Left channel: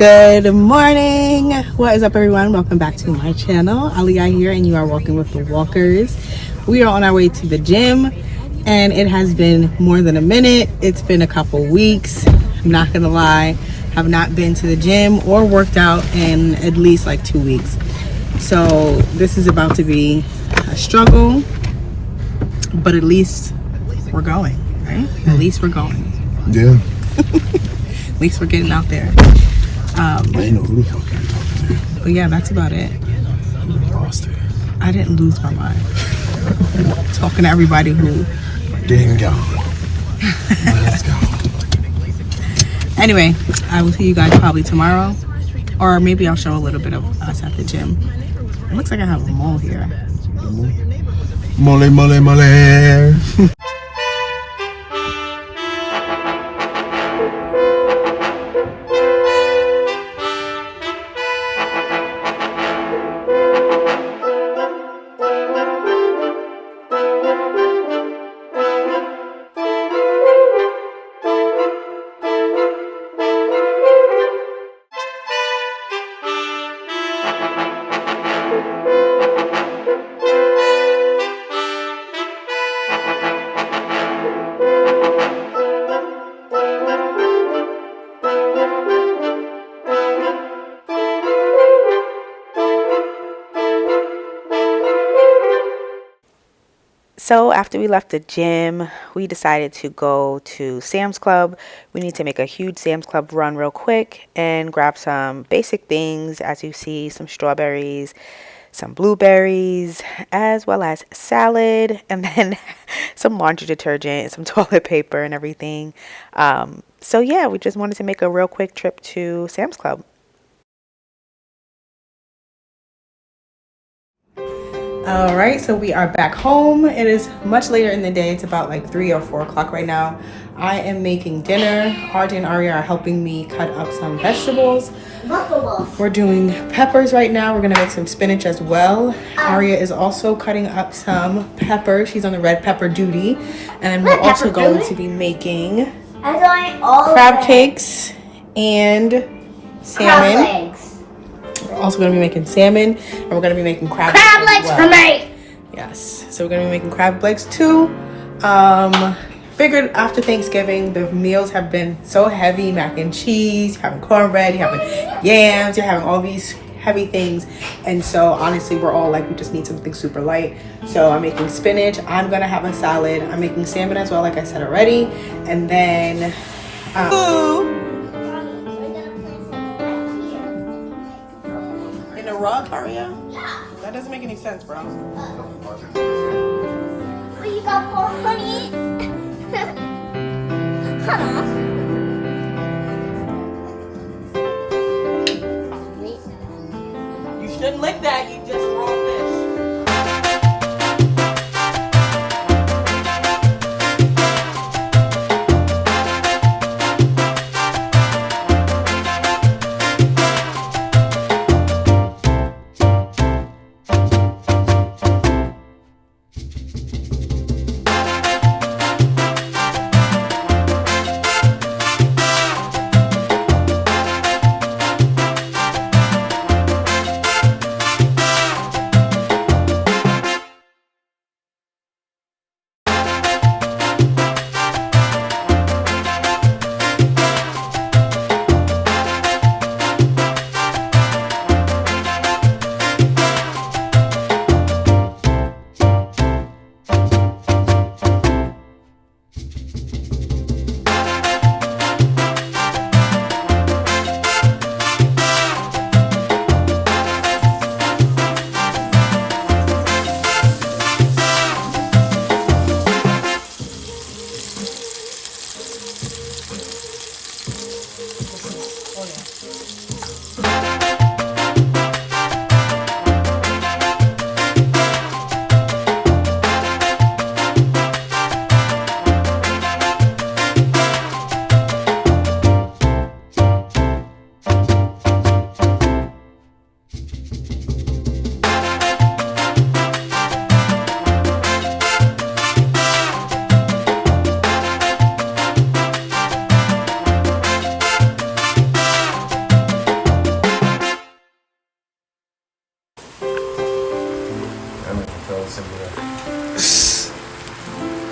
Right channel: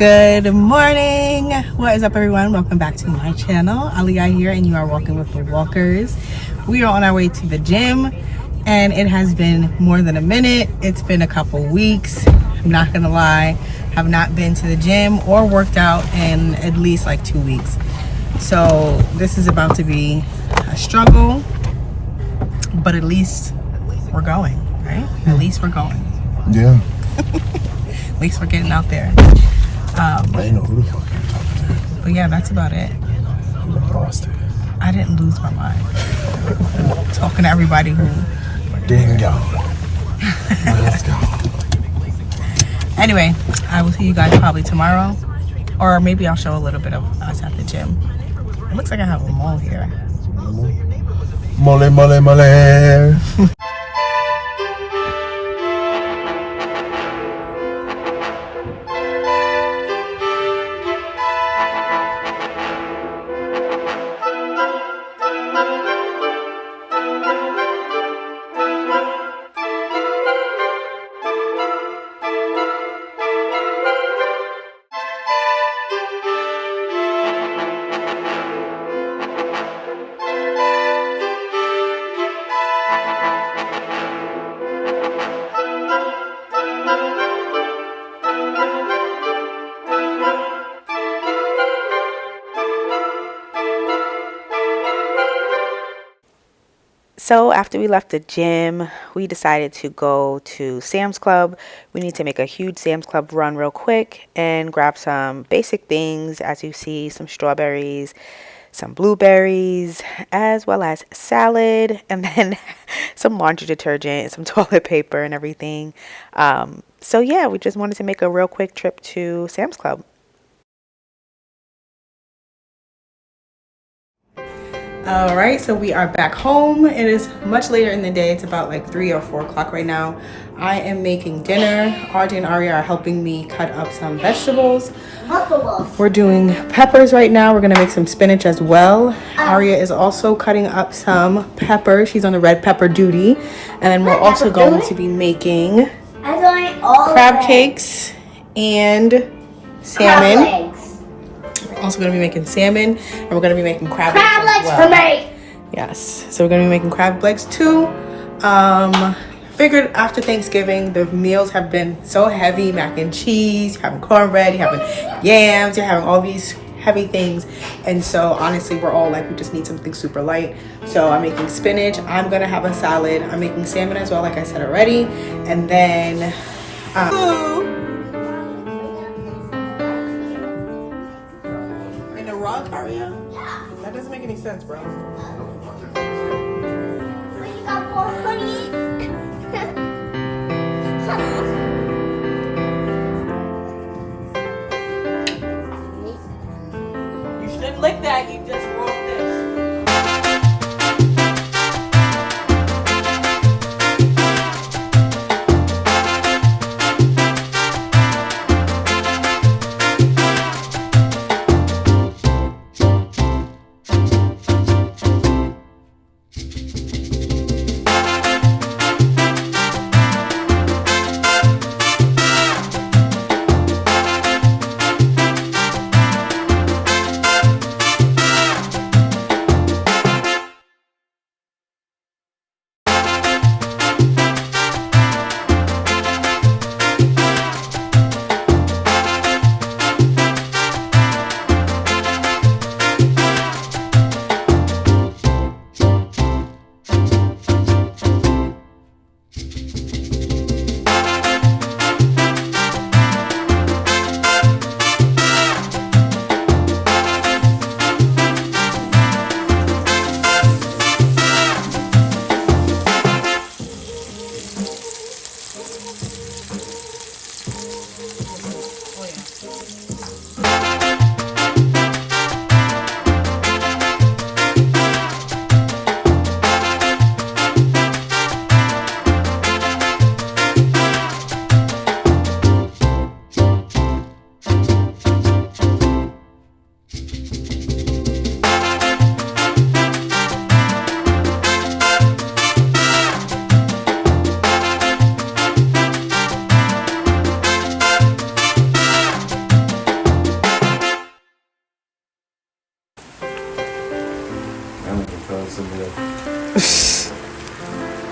Good morning. What is up, everyone? Welcome back to my channel. Aliyah here, and you are walking with the walkers. We are on our way to the gym, and it has been more than a minute. It's been a couple weeks. I'm not gonna lie, have not been to the gym or worked out in at least like 2 weeks. So this is about to be a struggle, but at least we're going, right? At least we're going. Yeah. At least we're getting out there. But yeah, that's about it. Lost it. I didn't lose my mind. Talking to everybody who. There you go. Let's go. Anyway, I will see you guys probably tomorrow, or maybe I'll show a little bit of us at the gym. It looks like I have a mole here. Mole, mole, mole. So after we left the gym, we decided to go to Sam's Club. We need to make a huge Sam's Club run real quick and grab some basic things. As you see, some strawberries, some blueberries, as well as salad, and then some laundry detergent, some toilet paper and everything. So yeah, we just wanted to make a real quick trip to Sam's Club. All right, so we are back home. It is much later in the day. It's about like 3 or 4 o'clock right now. I am making dinner. RJ and Aria are helping me cut up some vegetables. We're doing peppers right now. We're gonna make some spinach as well. Aria is also cutting up some pepper. She's on the red pepper duty. And we're also going to be making crab cakes and salmon. We're also going to be making salmon, and we're going to be making crab legs as well. For me. Yes, so we're going to be making crab legs too. Figured after Thanksgiving, the meals have been so heavy. Mac and cheese, you're having cornbread, you're having yams, you're having all these heavy things. And so honestly, we're all like, we just need something super light. So I'm making spinach. I'm going to have a salad. I'm making salmon as well, like I said already. And then... Aria? Yeah. That doesn't make any sense, bro. But you got more honey. You shouldn't lick that. You just raw fish.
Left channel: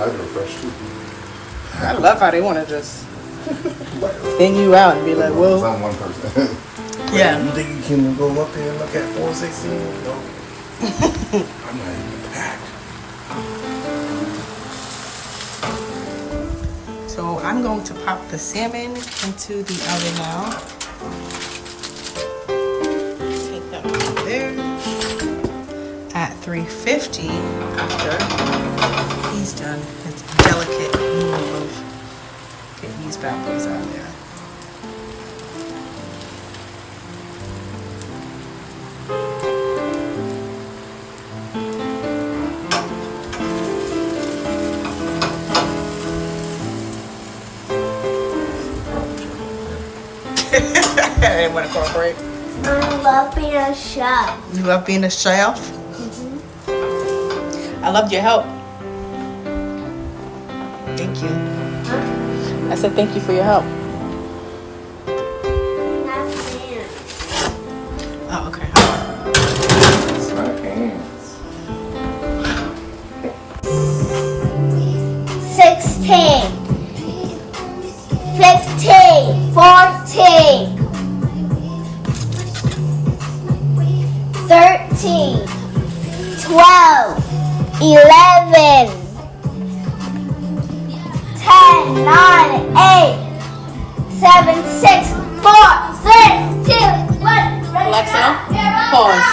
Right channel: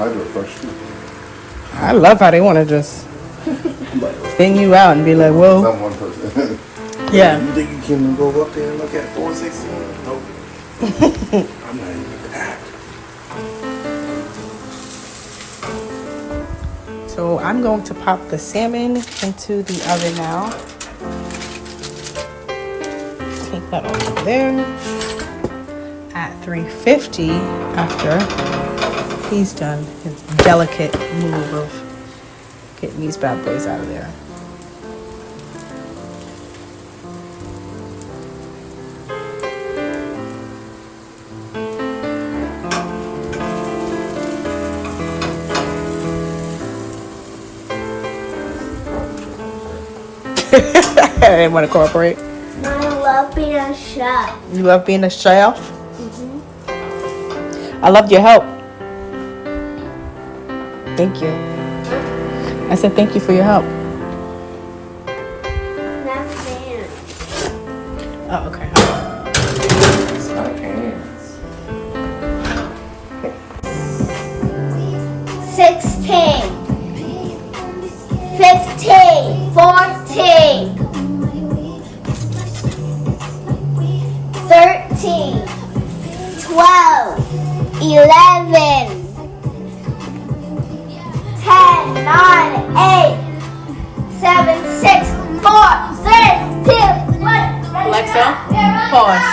I do fresh too. I love how they want to just bring you out and be like, well, I'm one person. yeah. You think you can go up there and look at 416? Nope. I'm ready to pack. So I'm going to pop the salmon into the oven now. Take that over there at 350 after he's done his delicate move of getting these bad boys out of there. I didn't want to cooperate. I love being a chef. You love being a chef? I loved your help. Thank you. I said thank you for your help. Oh, okay. 16, 15, 14, 13, 12, 11, 10, 9, 8, 7, 6, 4, 3, 2, 1. Alexa, pause.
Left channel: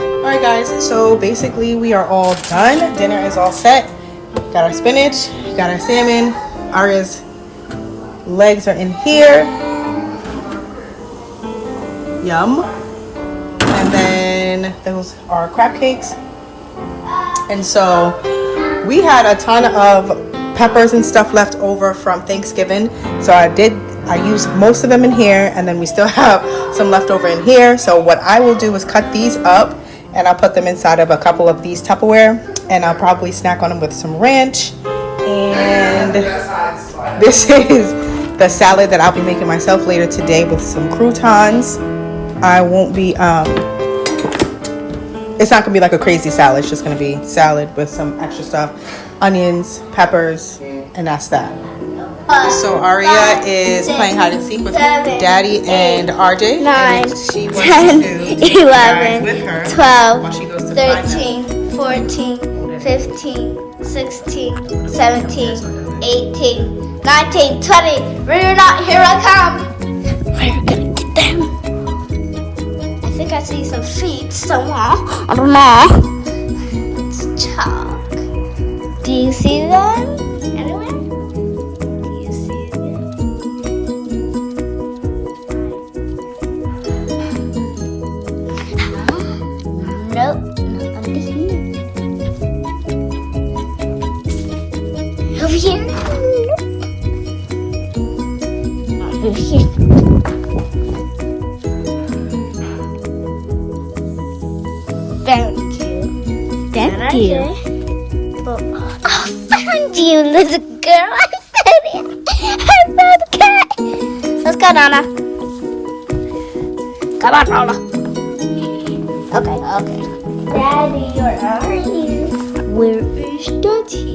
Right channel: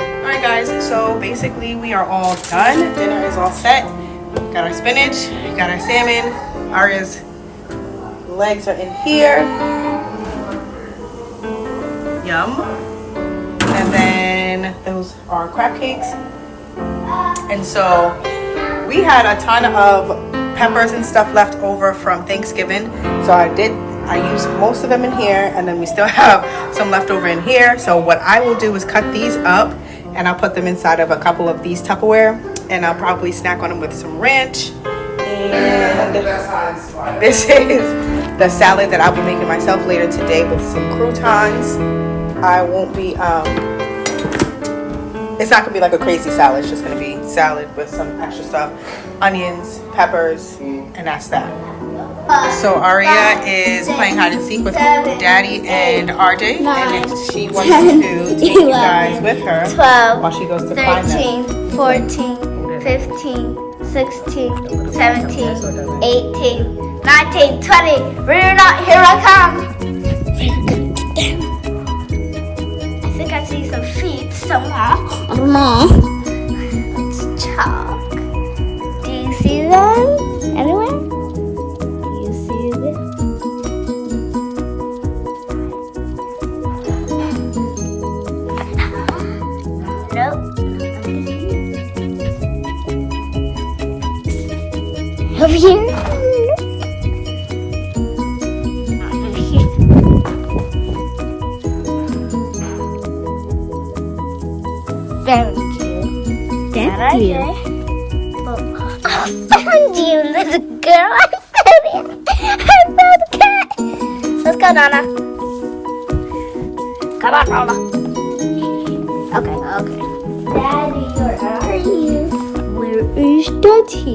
Alright guys, so basically we are all done. Dinner is all set. Got our spinach, got our salmon. Arya's legs are in here. Yum. And then those are crab cakes. And so we had a ton of peppers and stuff left over from Thanksgiving. So I used most of them in here, and then we still have some left over in here. So what I will do is cut these up and I'll put them inside of a couple of these Tupperware, and I'll probably snack on them with some ranch. And this is the salad that I'll be making myself later today with some croutons. I won't be, it's not gonna be like a crazy salad. It's just gonna be salad with some extra stuff, onions, peppers, and that's that. So Aria is playing hide and seek with Daddy and RJ, and she wants to take you guys with her 12, while she goes to find 13, 14, 15, 16, 17, 18, 19, 20. We're not, here I come. We're gonna get them. I think I see some feet somewhere. I don't know. It's chalk. Do you see them anywhere? Do you see them? Nope. Over here? Not here. Found you. Thank you. I found you, little girl. I found it. I found the cat. Let's go, Donna. Come on, Donna. Okay. Daddy, where are you? Where is Daddy?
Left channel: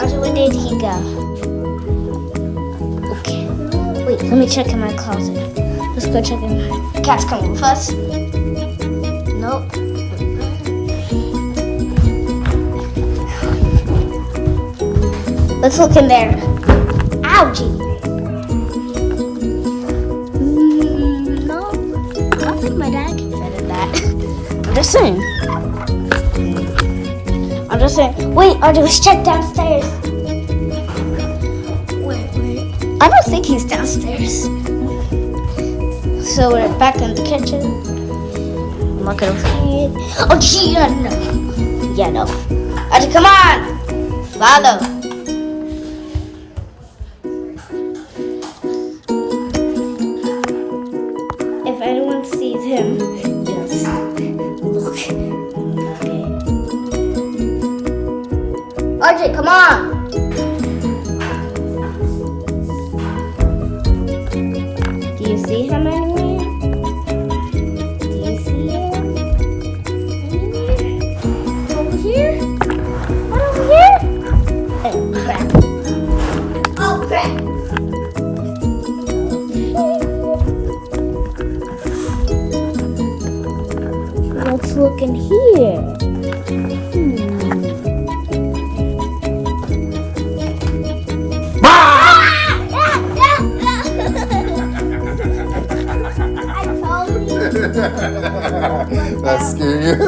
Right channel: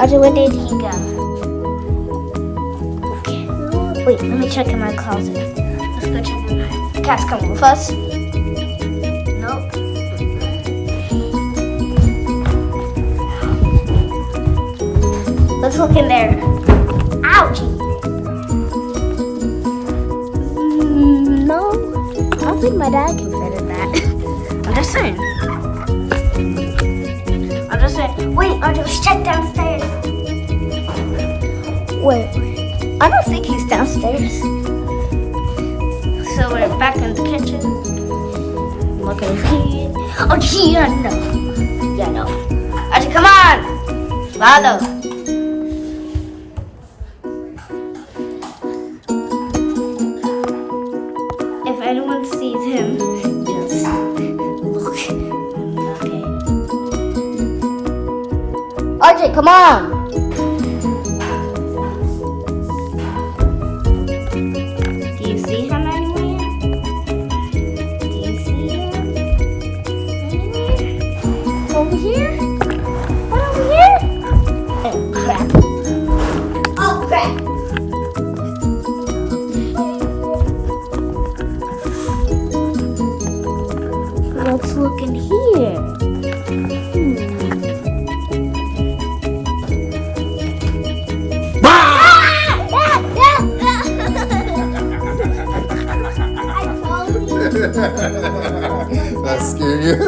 Audrey, where did he go? Okay. Wait, let me check in my closet. Let's go check in my... Cat's coming with us. Nope. Let's look in there. Ouchie. No. I don't think my dad can fit in that. I'm just saying. Wait, Audrey, let's check downstairs. Wait. I don't think he's downstairs. So we're back in the kitchen. I'm looking over here. Oh, yeah, no. Yeah, no. Audrey, come on. Follow. If anyone sees him, just look. Okay. RJ, come on. Do you see him anywhere? Do you see him anywhere? Over here? What over here? That's scary.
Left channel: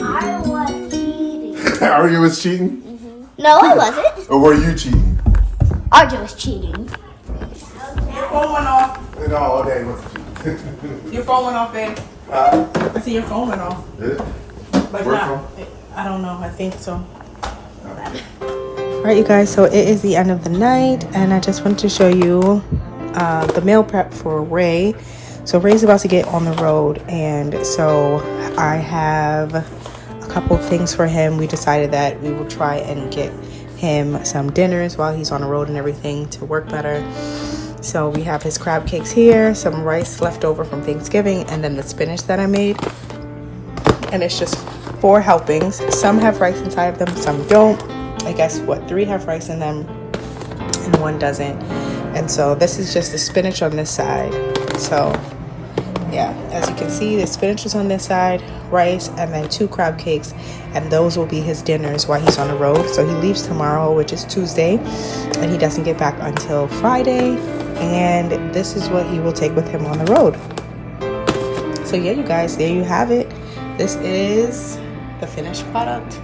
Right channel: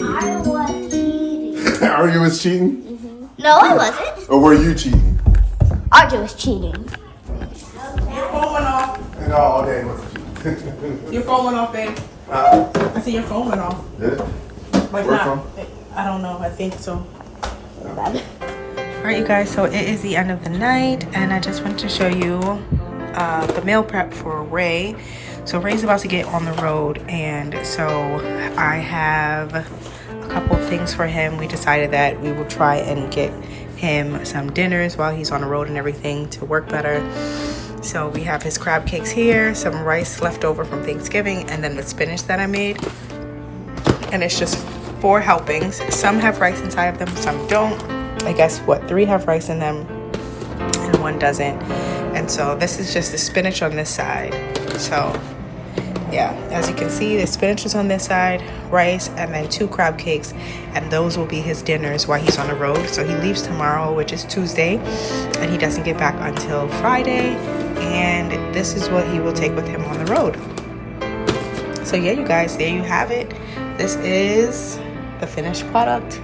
I was cheating. Arya was cheating? No, I wasn't. Or were you cheating? RJ was cheating. Your phone went off. No, okay. Your phone went off, babe. I see your phone went off. Yeah. Like Where not, from? I don't know. I think so. Alright, you guys, so it is the end of the night, and I just wanted to show you the meal prep for Ray. So Ray's about to get on the road, and so I have a couple of things for him. We decided that we will try and get him some dinners while he's on the road and everything to work better. So we have his crab cakes here, some rice left over from Thanksgiving, and then the spinach that I made. And it's just 4 helpings. Some have rice inside of them, some don't. I guess 3 have rice in them and 1 doesn't. And so this is just the spinach on this side. So yeah, as you can see, the spinach is on this side, rice, and then 2 crab cakes, and those will be his dinners while he's on the road. So he leaves tomorrow, which is Tuesday, and he doesn't get back until Friday, and this is what he will take with him on the road. So yeah, you guys, there you have it. This is the finished product.